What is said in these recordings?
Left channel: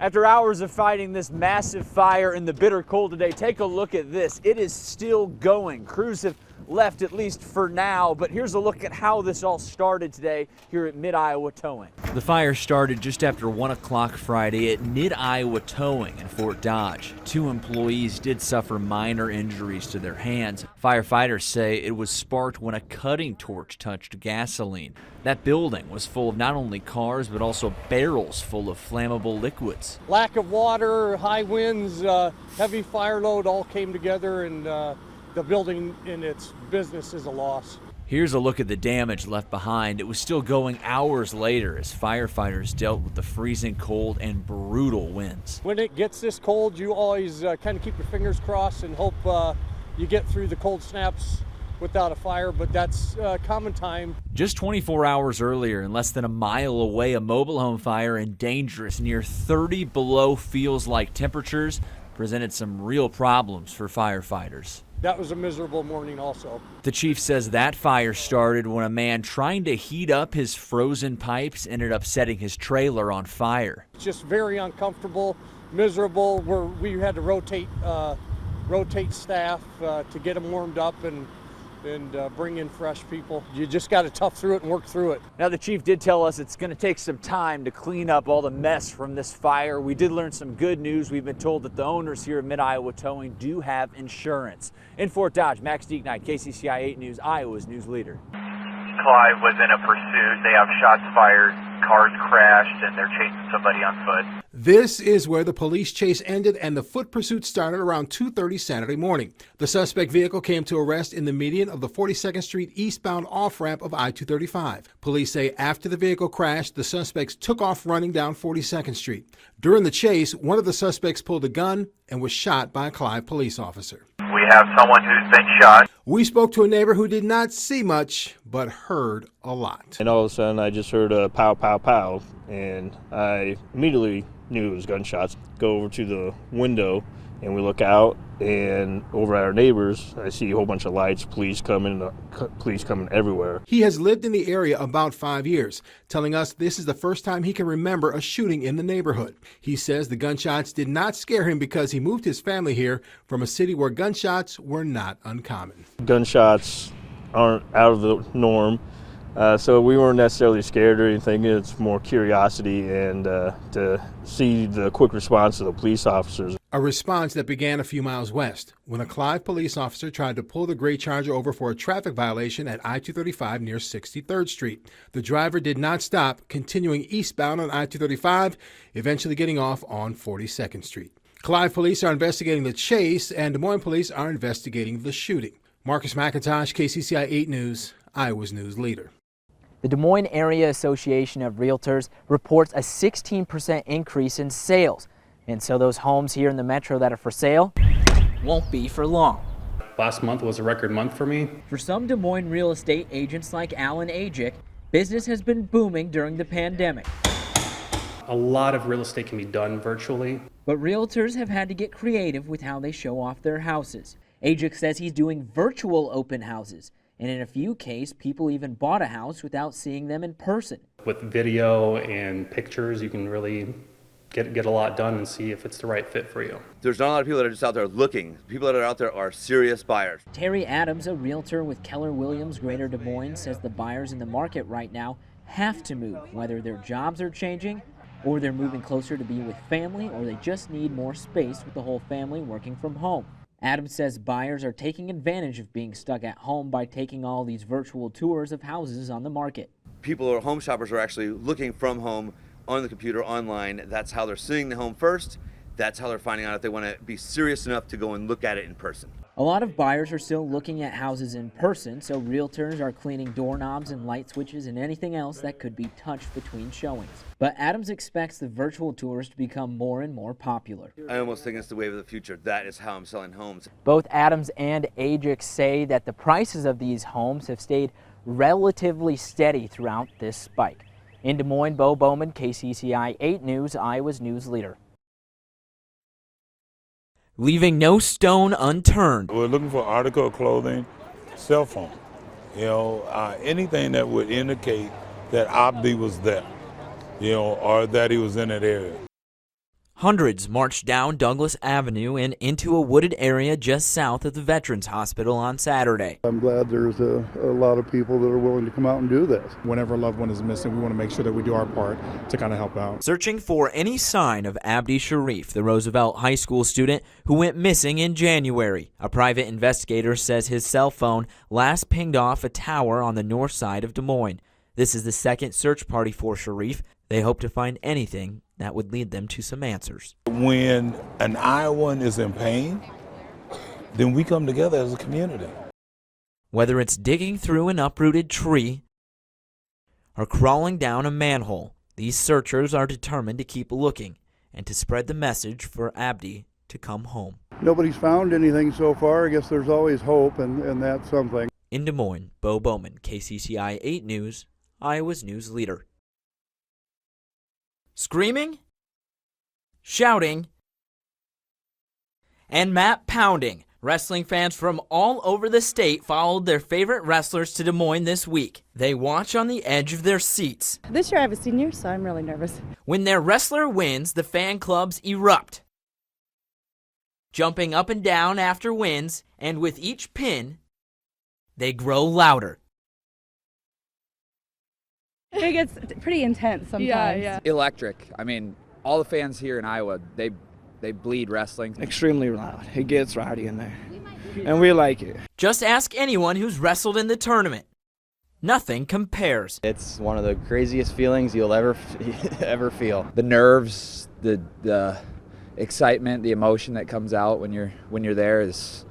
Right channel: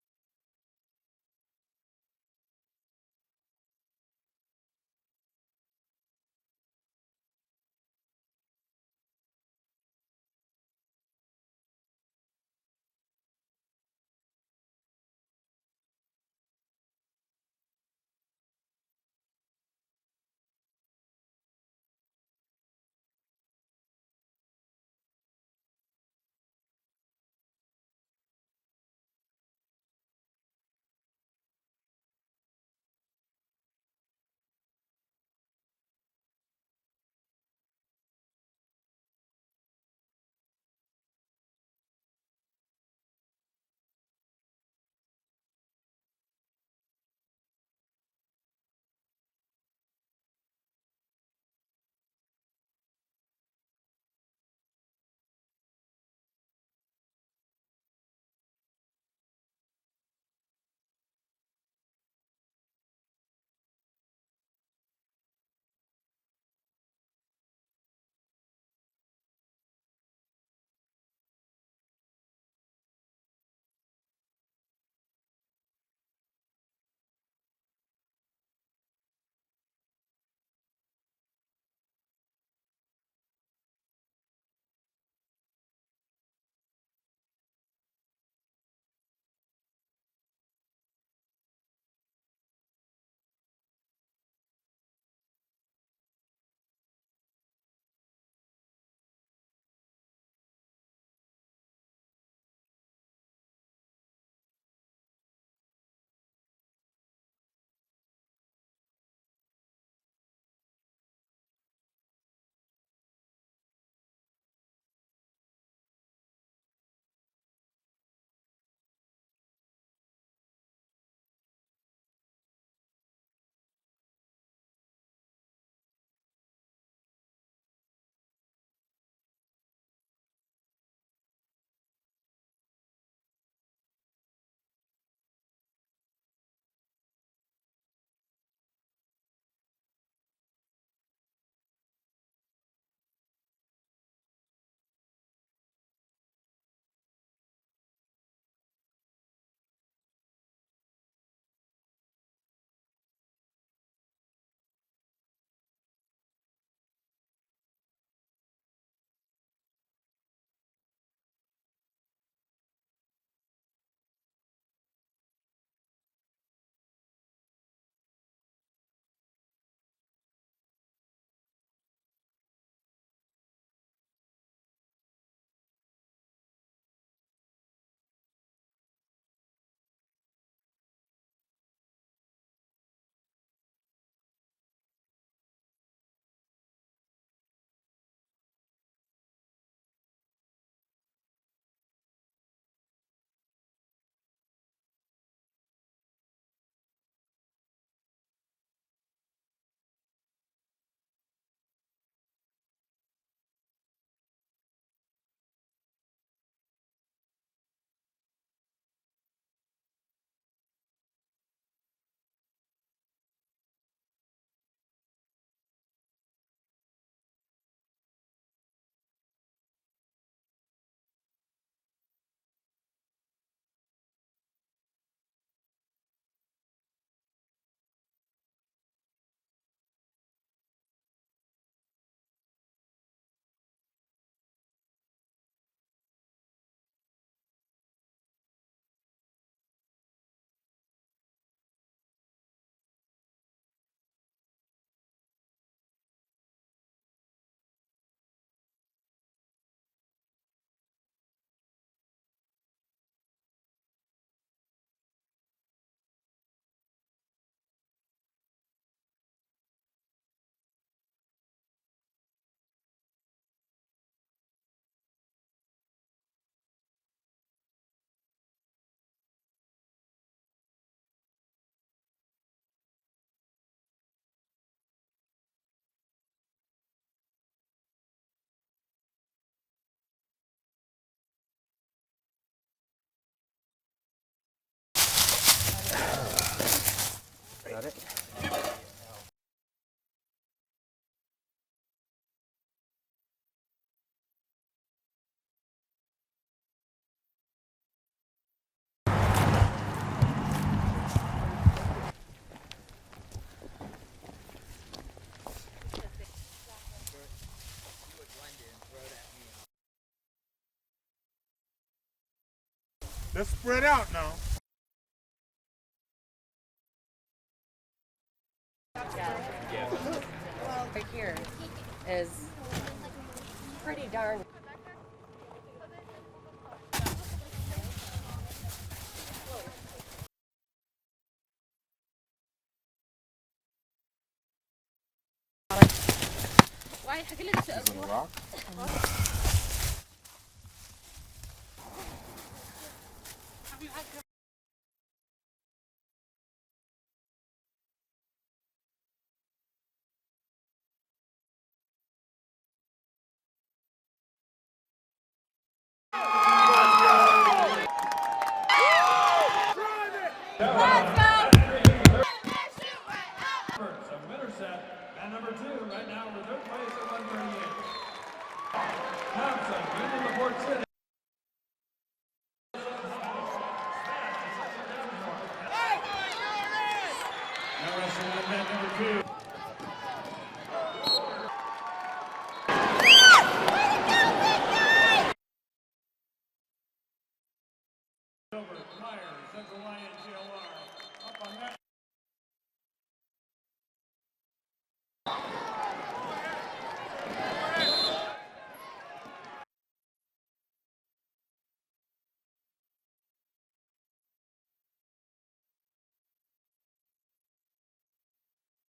After hours of fighting this massive fire in the bitter cold today, take a look at this. It is still going. Crews have left, at least for now, but here's a look at how this all started today here at Mid-Iowa Towing. The fire started just after 1 o'clock Friday at Mid-Iowa Towing in Fort Dodge. 2 employees did suffer minor injuries to their hands. Firefighters say it was sparked when a cutting torch touched gasoline. That building was full of not only cars, but also barrels full of flammable liquids. Lack of water, high winds, heavy fire load all came together, and the building in its business is a loss. Here's a look at the damage left behind. It was still going hours later as firefighters dealt with the freezing cold and brutal winds. When it gets this cold, you always kind of keep your fingers crossed and hope you get through the cold snaps without a fire, but that's common time. Just 24 hours earlier, and less than a mile away, a mobile home fire in dangerous, near 30 below feels-like temperatures presented some real problems for firefighters. That was a miserable morning also. The chief says that fire started when a man trying to heat up his frozen pipes ended up setting his trailer on fire. It's just very uncomfortable, miserable, where we had to rotate staff to get them warmed up and bring in fresh people. You just got to tough through it and work through it. Now, the chief did tell us it's going to take some time to clean up all the mess from this fire. We did learn some good news. We've been told that the owners here at Mid-Iowa Towing do have insurance. In Fort Dodge, Max Dieknight, KCCI 8 News, Iowa's news leader. Clive was in a pursuit. They have shots fired, cars crashed, and they're chasing somebody on foot. This is where the police chase ended and the foot pursuit started around 2:30 Saturday morning. The suspect vehicle came to a rest in the median of the 42nd Street eastbound off-ramp of I-235. Police say after the vehicle crashed, the suspects took off running down 42nd Street. During the chase, one of the suspects pulled a gun and was shot by a Clive police officer. We have someone who's been shot. We spoke to a neighbor who did not see much, but heard a lot. And all of a sudden, I just heard a pow, pow, pow, and I immediately knew it was gunshots. Go over to the window, and we look out, and over at our neighbors, I see a whole bunch of lights, police coming everywhere. He has lived in the area about 5 years, telling us this is the first time he can remember a shooting in the neighborhood. He says the gunshots did not scare him because he moved his family here from a city where gunshots were not uncommon. Gunshots aren't out of the norm, so we weren't necessarily scared or anything. It's more curiosity and to see the quick response of the police officers. A response that began a few miles west when a Clive police officer tried to pull the gray Charger over for a traffic violation at I-235 near 63rd Street. The driver did not stop, continuing eastbound on I-235, eventually getting off on 42nd Street. Clive police are investigating the chase, and Des Moines police are investigating the shooting. Marcus McIntosh, KCCI 8 News, Iowa's news leader. The Des Moines Area Association of Realtors reports a 16% increase in sales. And so those homes here in the metro that are for sale won't be for long. Last month was a record month for me. For some Des Moines real estate agents like Alan Ajic, business has been booming during the pandemic. A lot of real estate can be done virtually. But realtors have had to get creative with how they show off their houses. Ajic says he's doing virtual open houses. And in a few cases, people even bought a house without seeing them in person. With video and pictures, you can really get a lot done and see if it's the right fit for you. There's not a lot of people that are just out there looking. People that are out there are serious buyers. Terry Adams, a realtor with Keller Williams Greater Des Moines, says the buyers in the market right now have to move, whether their jobs are changing or they're moving closer to be with family, or they just need more space with the whole family working from home. Adams says buyers are taking advantage of being stuck at home by taking all these virtual tours of houses on the market. People or home shoppers are actually looking from home on the computer online. That's how they're seeing the home first. That's how they're finding out if they want to be serious enough to go and look at it in person. A lot of buyers are still looking at houses in person, so realtors are cleaning doorknobs and light switches and anything else that could be touched between showings. But Adams expects the virtual tours to become more and more popular. I almost think it's the wave of the future. That is how I'm selling homes. Both Adams and Ajic say that the prices of these homes have stayed relatively steady throughout this spike. In Des Moines, Bo Bowman, KCCI 8 News, Iowa's news leader. Leaving no stone unturned. We're looking for article of clothing, cell phone, anything that would indicate that Abdi was there, or that he was in that area. Hundreds marched down Douglas Avenue and into a wooded area just south of the Veterans Hospital on Saturday. I'm glad there's a lot of people that are willing to come out and do this. Whenever a loved one is missing, we want to make sure that we do our part to kind of help out. Searching for any sign of Abdi Sharif, the Roosevelt High School student who went missing in January. A private investigator says his cell phone last pinged off a tower on the north side of Des Moines. This is the second search party for Sharif. They hope to find anything that would lead them to some answers. When an Iowan is in pain, then we come together as a community. Whether it's digging through an uprooted tree or crawling down a manhole, these searchers are determined to keep looking and to spread the message for Abdi to come home. Nobody's found anything so far. I guess there's always hope, and that's something. In Des Moines, Bo Bowman, KCCI 8 News, Iowa's news leader. Screaming, shouting, and mat pounding. Wrestling fans from all over the state followed their favorite wrestlers to Des Moines this week. They watch on the edge of their seats. This year I have a senior, so I'm really nervous. When their wrestler wins, the fan clubs erupt, jumping up and down after wins, and with each pin, they grow louder. It gets pretty intense sometimes. Yeah. Electric. I mean, all the fans here in Iowa, they bleed wrestling. Extremely loud. It gets rowdy in there, and we like it. Just ask anyone who's wrestled in the tournament. Nothing compares. It's one of the craziest feelings you'll ever feel. The nerves, the excitement, the emotion that comes out when you're there is.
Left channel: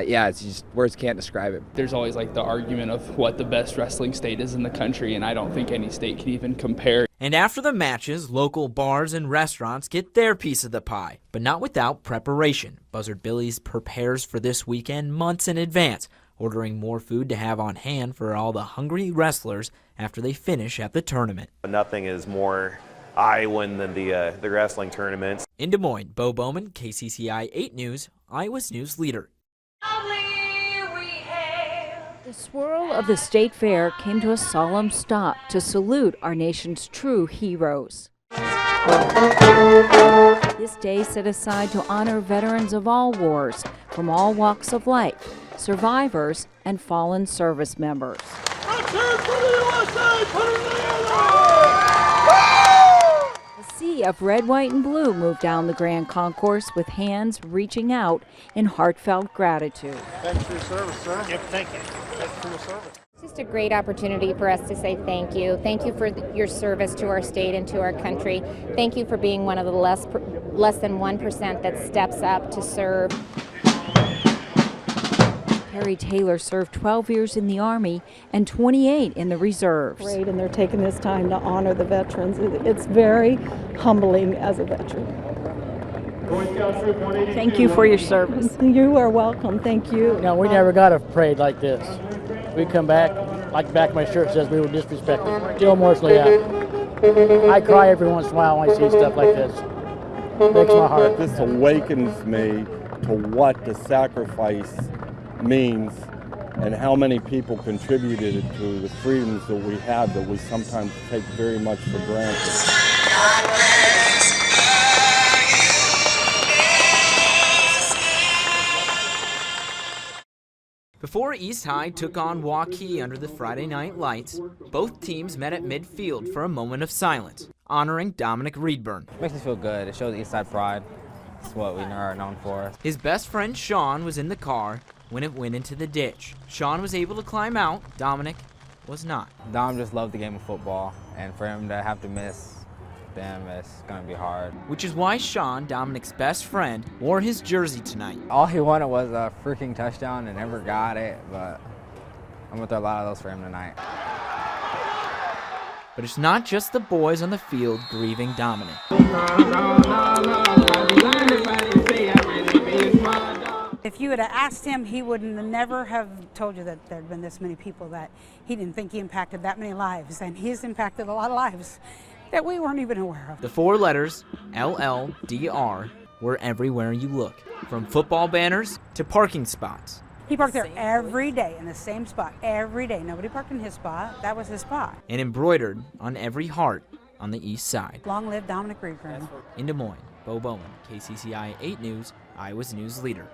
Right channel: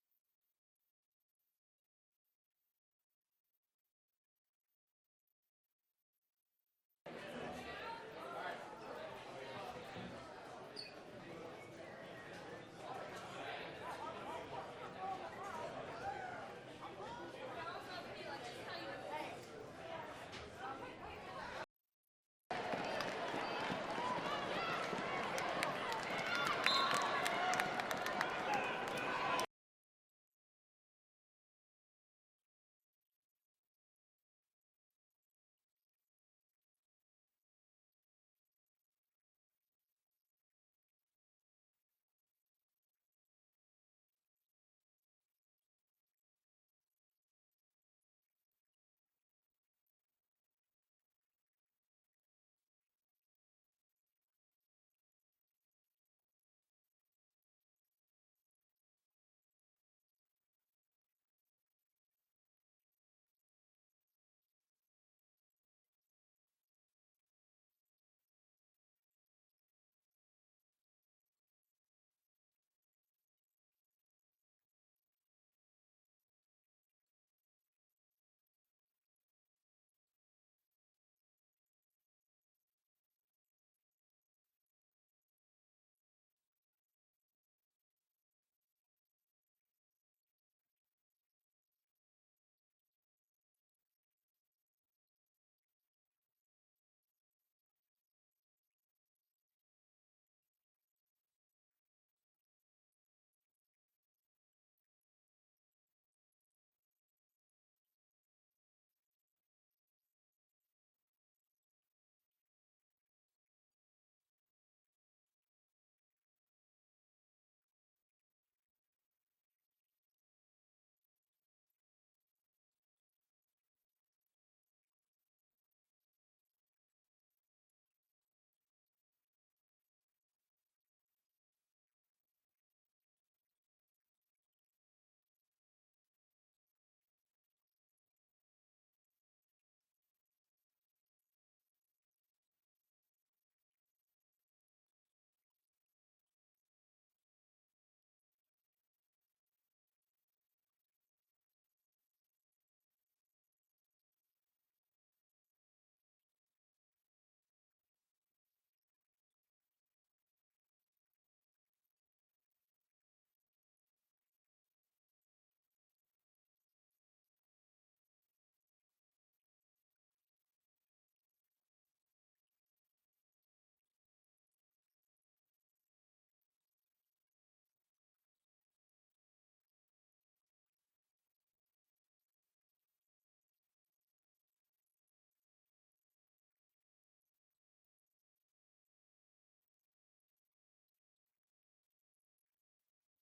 It's just words can't describe it. There's always like the argument of what the best wrestling state is in the country, and I don't think any state can even compare. And after the matches, local bars and restaurants get their piece of the pie, but not without preparation. Buzzard Billy's prepares for this weekend months in advance, ordering more food to have on hand for all the hungry wrestlers after they finish at the tournament. Nothing is more Iowan than the wrestling tournaments. In Des Moines, Bo Bowman, KCCI 8 News, Iowa's news leader. The swirl of the state fair came to a solemn stop to salute our nation's true heroes. This day set aside to honor veterans of all wars, from all walks of life, survivors, and fallen service members. A sea of red, white, and blue moved down the grand concourse with hands reaching out in heartfelt gratitude. Thanks for your service, sir. Yep, thank you. Thanks for your service. It's just a great opportunity for us to say thank you. Thank you for your service to our state and to our country. Thank you for being one of the less than 1% that steps up to serve. Perry Taylor served 12 years in the Army and 28 in the reserves. Great, and they're taking this time to honor the veterans. It's very humbling as a veteran. Thank you for your service. You are welcome. Thank you. No, we never got a parade like this. We come back, like the back of my shirt says, we were disrespected. Jill Morsley out. I cry every once in a while when I see stuff like this. It breaks my heart. This awakens me to what the sacrifice means and how many people contributed to the freedoms that we have that we sometimes take very much for granted. Before East High took on Waukee under the Friday night lights, both teams met at midfield for a moment of silence, honoring Dominic Reedburn. Makes me feel good. It shows East Side pride. It's what we are known for. His best friend Sean was in the car when it went into the ditch. Sean was able to climb out. Dominic was not. Dom just loved the game of football, and for him to have to miss them, it's going to be hard. Which is why Sean, Dominic's best friend, wore his jersey tonight. All he wanted was a freaking touchdown and never got it, but I'm going to throw a lot of those for him tonight. But it's not just the boys on the field grieving Dominic. If you had asked him, he would never have told you that there had been this many people, that he didn't think he impacted that many lives, and he's impacted a lot of lives that we weren't even aware of. The four letters, LLDR, were everywhere you look, from football banners to parking spots. He parked there every day in the same spot, every day. Nobody parked in his spot. That was his spot. And embroidered on every heart on the east side. Long live Dominic Reed. In Des Moines, Bo Bowman, KCCI 8 News, Iowa's news leader.